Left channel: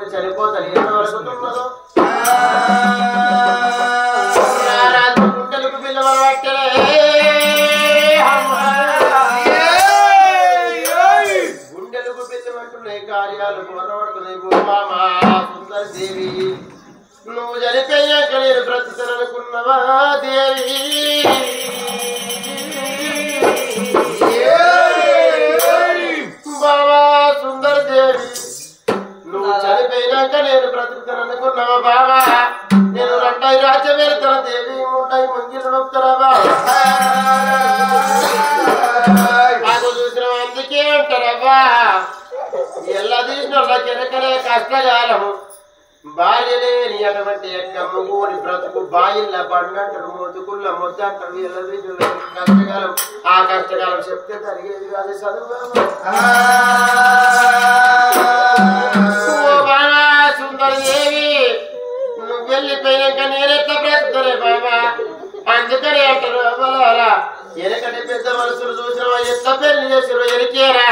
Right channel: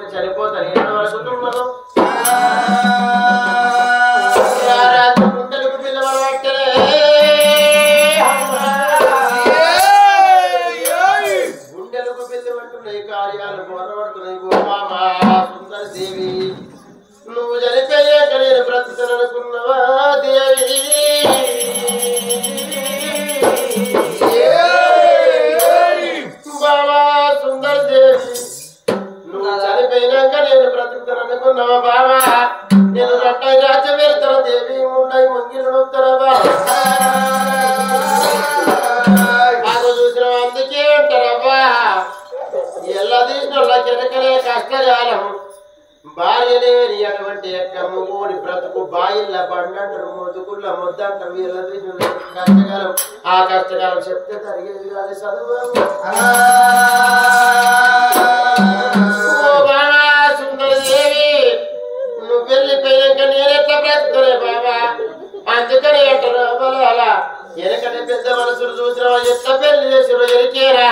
ఉంటే చనిపోతాను ఎంత వరకుతున్నదో గుండెలకు పిల్లలు పట్టలే గుండెలకు పిల్లలు అంటున్నాయి కార్యాలు పోరాడుతున్నాయి గోమామా సుందర దేవి నువ్వు చనిపోయాక నేను బ్రతుకుతాననుకున్నవా దేవి బావా సుందర దేవి నువ్వు చనిపోయినాక నేను బ్రతుకుతాననుకున్నావా బావా నేను రట్టాయి రాజ్యం వెళ్తాను దేవి ఉంటాయి మంగిలు నొప్పుతారా బావా నాకు చూసిన అందుకే అంటారవ్వా ఎలా తీసిన వెనకనే కష్టకాలం భార్య లేని అటువంటి యొక్క మగోని బ్రతుకు బాయిల్ల బండంటారు మొదుకుల్ల మొద్దంటారు ఎలా తీసిన కష్టకాలం ఆ కష్టకాలం చెప్తే జరిగేది కాదు చదువు సుందర దేవి నువ్వు వెళ్ళిపోయాక నేనెట్లా బ్రతుకుతానే బాబా అందుకని అంటారు అలా ఎనకటి పెద్ద మనుషులు చూసినవా ఎట్లా పెళ్లి చేసిరో ఎరికేరా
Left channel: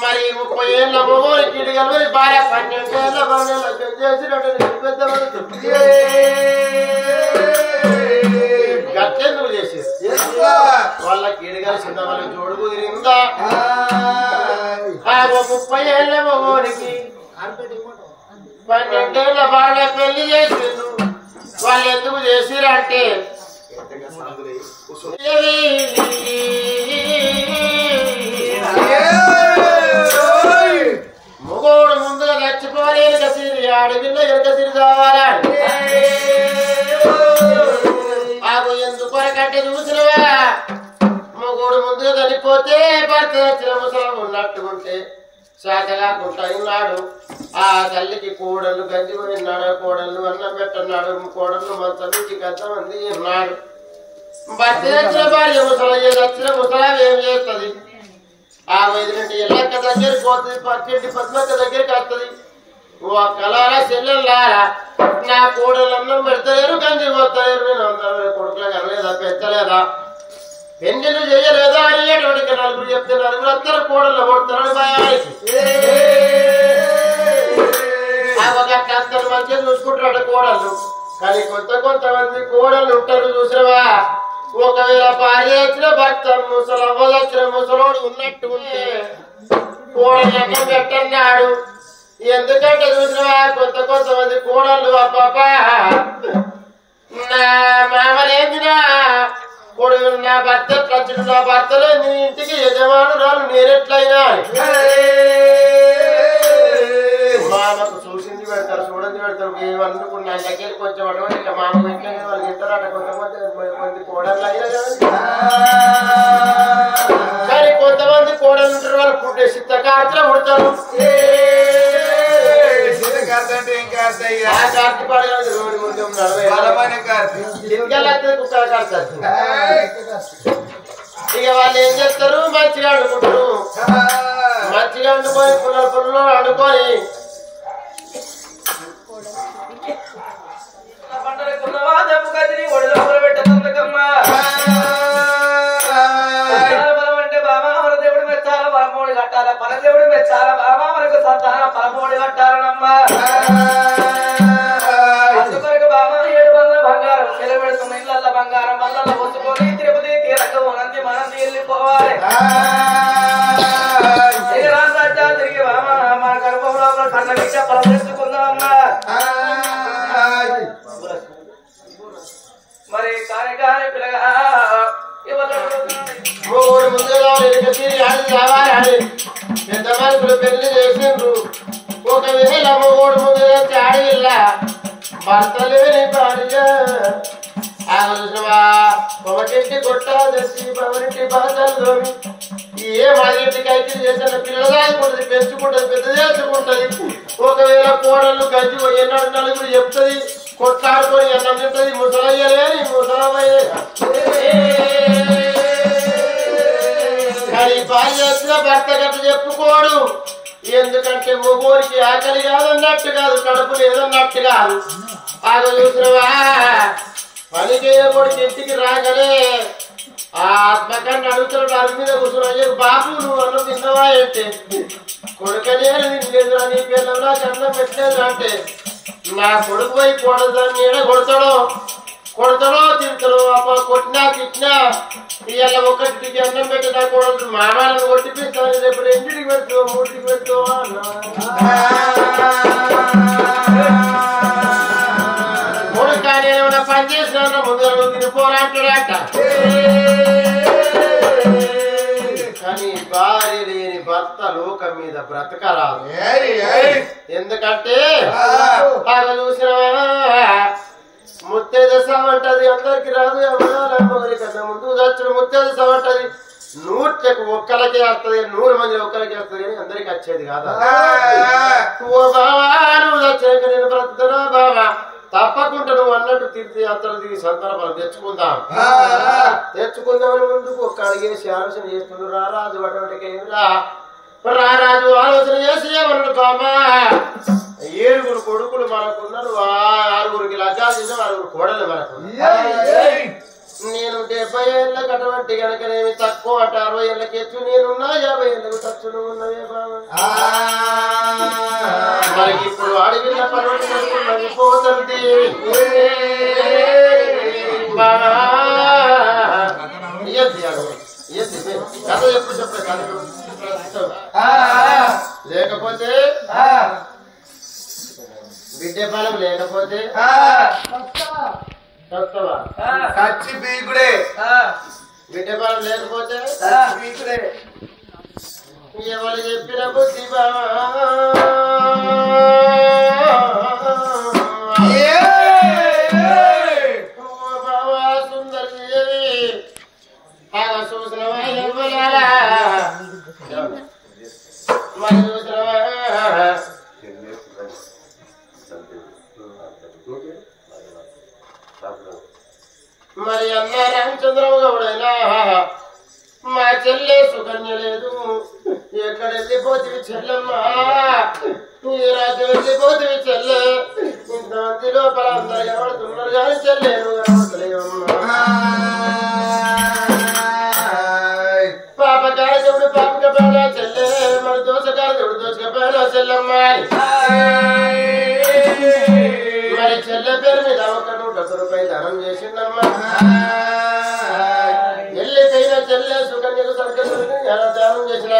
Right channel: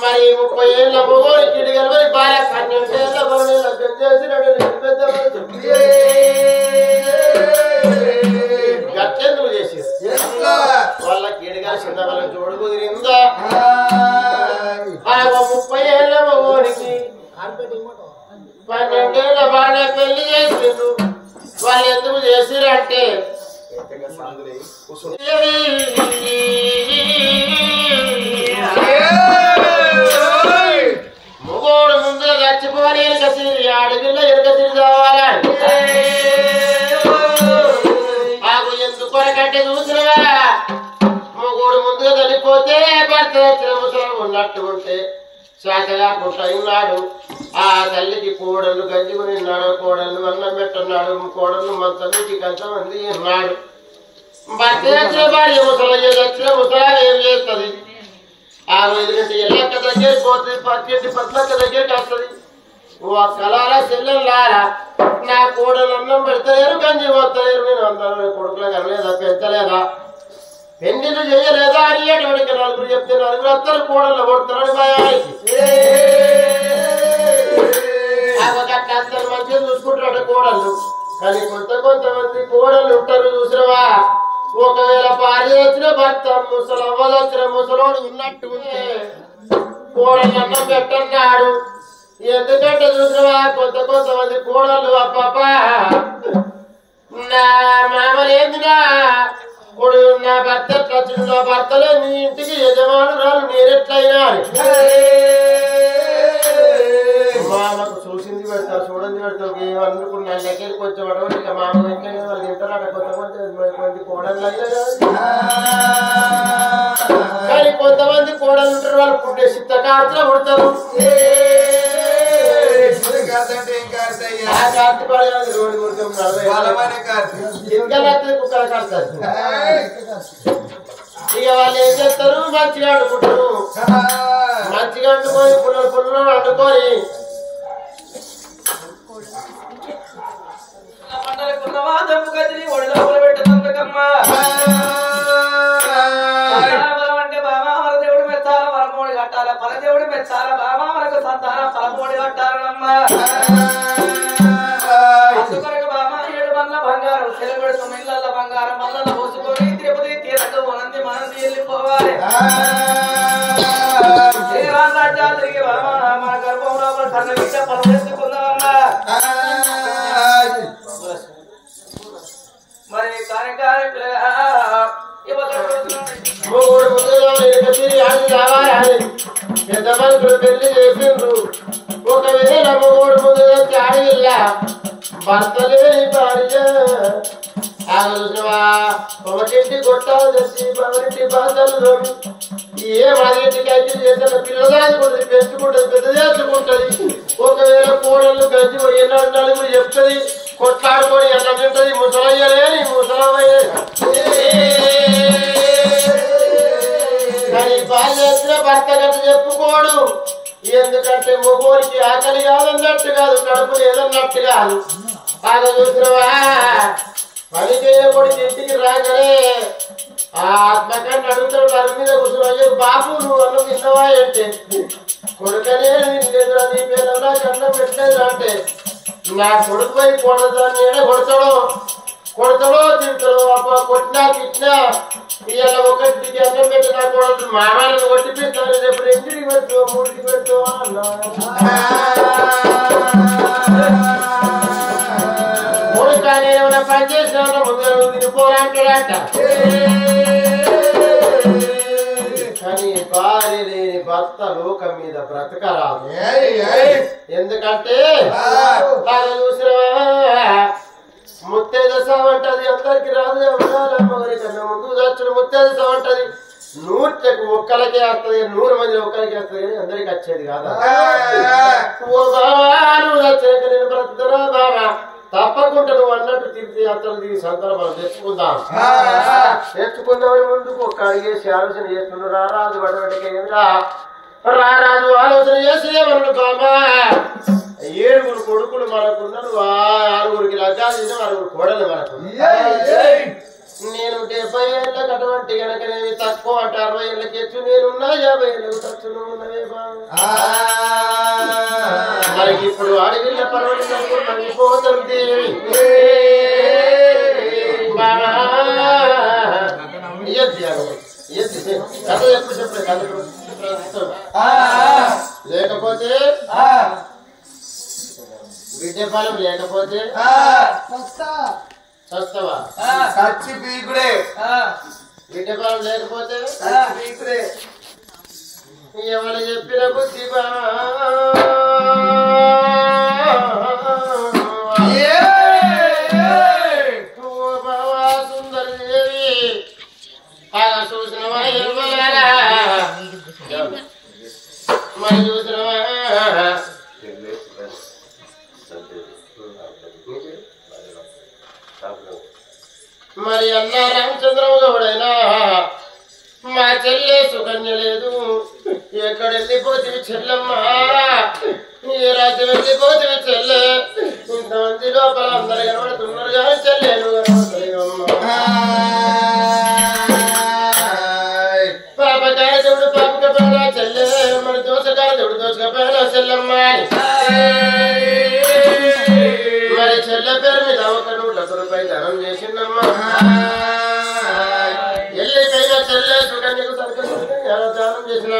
మరి 30 ఏళ్ళ మొగోని కిడిగలమని భార్య 12 ఏళ్ళ మన లగ్నం చేసినట్టు పెద్ద మనుషులు గట్టెందుకు చేసేది వాళ్ళ కిడిగలు చిన్న వాళ్ళకి జోడు కుదిరిందా 30 ఏళ్ళ మొగోనికి 12 ఏళ్ళ భార్య పెళ్లి చేసిండు వాళ్ళు ఎందుకు చేసిరంటే మొగోడు ముందుగా చచ్చిపోవాలి ఎనక తిరిగి అడవిలో ఎనక తిరిగి రావాలి ఆకు ఎందుకొరకంటే చూసినవా మొగోడు ముందుగా చనిపోతే భర్త వచ్చిన ముసలం ఉన్నట్టు ఉంటే శాతగాకుంటా ఉన్నాడు ఆ తల్లికి కోడళ్ళు గంజి పోయినాడు కోడళ్ళు అన్నం పెట్టన్నాడు కోడళ్ళు మంచి కొంతమంది ఉన్నాడు భర్త వచ్చిన భార్య ముసలి వచ్చిన ముసలా ఏం చేస్తుంది ఆ వదిలింటి ఎల్లక్క దగ్గరికి పోతుంది పక్కింటి పద్మక్క దగ్గరికి వస్తుంది ఓ కలారా చెల్లెల్లారా నా కోడలు అన్నం పెడతలేరు గంజి పోతలేరు నేను అందరూ కొడుకులు కనలేదా పెంచలేదా పెండిలు చేయలేదా అని అటువంటి నలుగురు చెప్తే నలుగురు అందరూ కోడళ్ళు కొడుతున్నాడు భయానికి అంత మంచిగా చూసుకుంటాడు కోడళ్ళు కానీ కొంతమంది కోడళ్ళు ఉంటారు చూసినవా ఒకవేళ భార్య వచ్చిన భర్త ముసలవ్వ వచ్చిన ముసలోడు ఉన్నట్టు ఉంటే కోడళ్ళు అన్నం పెట్టన్నాడు ఎందుకంటే చూసినవా కొంతమంది కోడళ్ళు అబ్బాబా నా మామలేందిరా కొడు నా భర్త ఎట్లొచ్చిన నా భర్తలో నీ ఇంటికి యజమానురాలు నేనెట్లయినా మామకు చూసింది పెడతారు చూడండి పెడతారు ఏమనుకున్నా అందరికీ కొంచెం అడవి ఇక మామ వెంటనే వాళ్ళు తింటారు కొంతమంది కోడళ్ళు అయినా కానీ కొంతమంది కోడళ్ళు ఉంటారు వాళ్ళు పుట్టే సిద్ధకార్తలు పుడతారు ఇక వాళ్ళు ఏం చేస్తారు మంచిగా వండుకుంటారు మంచిగా వండుకొని పుల్లలు వండుకొని అంటే బాబా మన దేవుడు మెచ్చాల పరమోడి కట్టాల పరదేవుడు మెచ్చాల బాబా మనకు సంతాన పరమోడి కట్టాలనమ్మా అందుకొరకు బాబా 7 బండ్ల బంగారం సెలబెడుతున్న ఇళ్ళ బంగారం మల్లల పోసుకొని తిరుపతి తీరక మనంది వెళ్ళిపోవాలి తిరిగి బాబా మన గర్భంలో కన్న విష పరమేసుకుందామమ్మా మరి కార్యకార పిల్లగా పెద్దమనుకులు పెళ్లి చేసిండ్రు ఒకవేళ మొగోడు ముందు ఆడవిల్ల భర్త లేని భార్య ఒకటింటి కొట్టాలు తెచ్చి ఒకరింటి బాధలు ఏ మాదింటికి అయితే చేసిన పిల్లదాచుకుంటుంది పెంచుకుంటుంది పెద్ద చేసుకుంటది ఒకవేళ కోడళ్ళు గంజి పోయినాడు నలుగురు చెప్తుంది కొట్లాడుకొని ఎట్లా తింటది ముసలయ్యలేని ముసలయ్యే కానీ భార్య వచ్చిన భర్త గట్ట చెప్పుకోడు ఎందుకంటే మొగోరికి ఆకలి కాదన్నట్టు కాదు కడుపు లేదన్నట్టు కాదు అది చూసినవా పనికైన కొడుకు ఇంటికి రాగానే ఆ ఆత్మకాన్ని అడుగుతాడు అరుగు మీద కూర్చొని అయ్యో బాబు నువ్వు అన్నం తిన్నావా అంటే కొడుకనే తినలేదురా నీ పిల్లలు అన్నం పెట్టలేదు అంటే నా కొడుకు పోయి కొడదాన్ని ఏడ కొడతాడో తింటాడు అప్ప కొట్టినా తిట్టినా ఇవాళ ఒకటికి అన్నం పెట్టి నా కొడదు మామాలను కొట్టిపిస్తాను రేపు రెండింటికి పెట్టు మూడింటికి పెట్టు అన్నా కానీ ఏమైనా పని చేసినా ముందర తిరిగిపోరా అంటాడట కానీ భార్య లేని భర్త లోకం మీద బ్రతకరాదు ఎందుకంటే చూసిన ముత్తైద సవంటది అందరికి రాదు అమ్మగారి కన్నా ముందు చచ్చిన ముత్తైద సవంటది 100కి ఒక్కరికే వస్తుంది 100 మంది ఒక్కరికి వస్తుంది కానీ అందరికి వచ్చేది కాదా ఓ బావా నువ్వు చచ్చాక నేను బ్రతుకుతున్నా బావా తప్పకుండా నువ్వు అన్నట్టు తిరిగి అతను సంకల్పం తెచ్చుకుందామని ముందుకు ఒక్క అడిగేసి ఆలోచన చేస్తున్నాడు రారాజు వడవటికేమిరా రారాజు ఆలోచన చేసి ఏమన్నాడు బామా 7 కొడుకులు మనకున్నారు 6 లగ్గాలు చేసాం 6 కోడలు మనకు నేను 70 ఏళ్ళకి అటువంటి కనుకనేమి తక్కువ అంటే 60 ఏళ్ళకి ఎచ్చు నేనున్నా 50 ఏళ్ళకు తచ్చు నువ్వు ఉన్నవే బాబా మరి ఇప్పుడు అడిగిన పర్వతం మంగిపోతుంది బాబా కథ ఎప్పుడు చెప్పే కథ లేకపోతే బిడ్డ పాలన లేకపోతే చస్తావా సచ్చి పీకుడే బిడ్డ పాలన లేకపోతే పీకుడే ఎవరు చెప్పిన బుద్ధి బావా సుందరి దేవి చూసిన మరి చూసిన మరి అన్న రామచంద్రరావు గౌడైనా మా చెల్లె సుకన్య లేదు ఎక్కడ వెళ్ళిపోతుంది చెల్లమ్మా ఏ రాజ్యం వెళ్ళిపోతుంది చెల్లె ఇంతమంది లోపల అందరు కనబడుతున్నారు కానీ చెల్లె నువ్వు కనబడలేవమ్మా పాపకాయ దేవుడు పాపకపోయినా చెల్లె మరి దోషకాయ దేవుడు దోషకపోయినా చెల్లమ్మా మరి చెల్లె పేరు మీద ఒక 100 రూపాయలు ధనం చేసిందమ్మా ఎల్లిపోయిన చెల్లె సుకన్యకు దానం చేసిన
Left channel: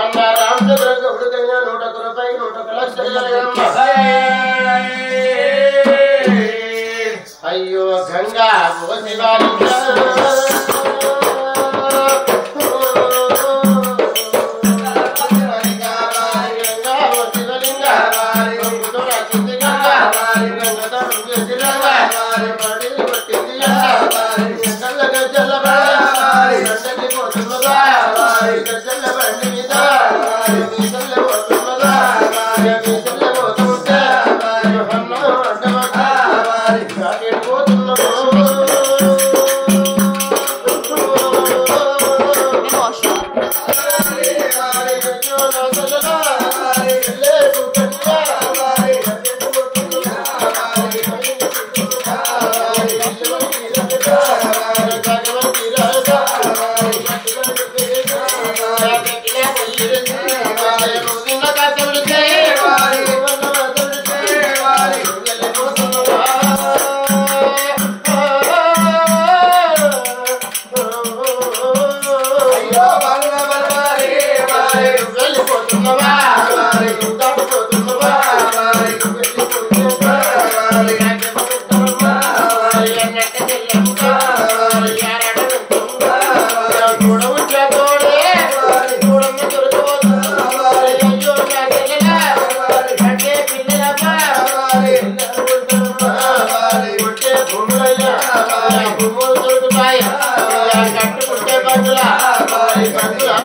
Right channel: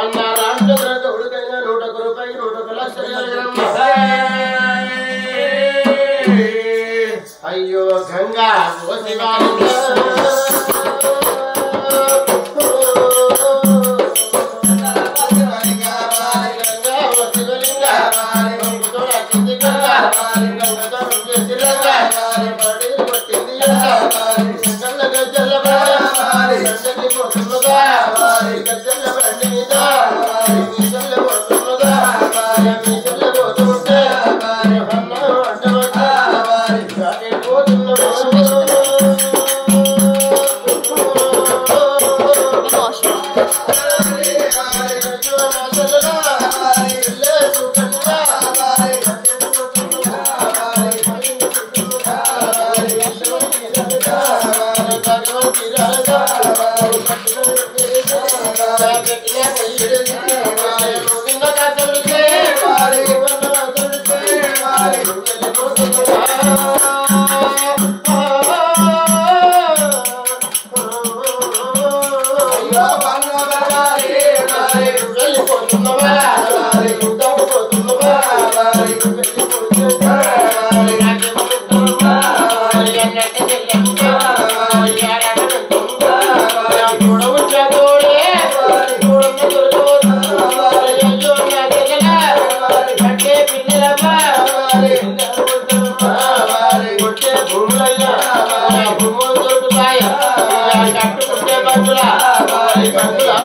అన్న రామచంద్ర గౌడుకైనా 101 రూపాయలు 101 లక్షలు అయ్యో గంగా భూమి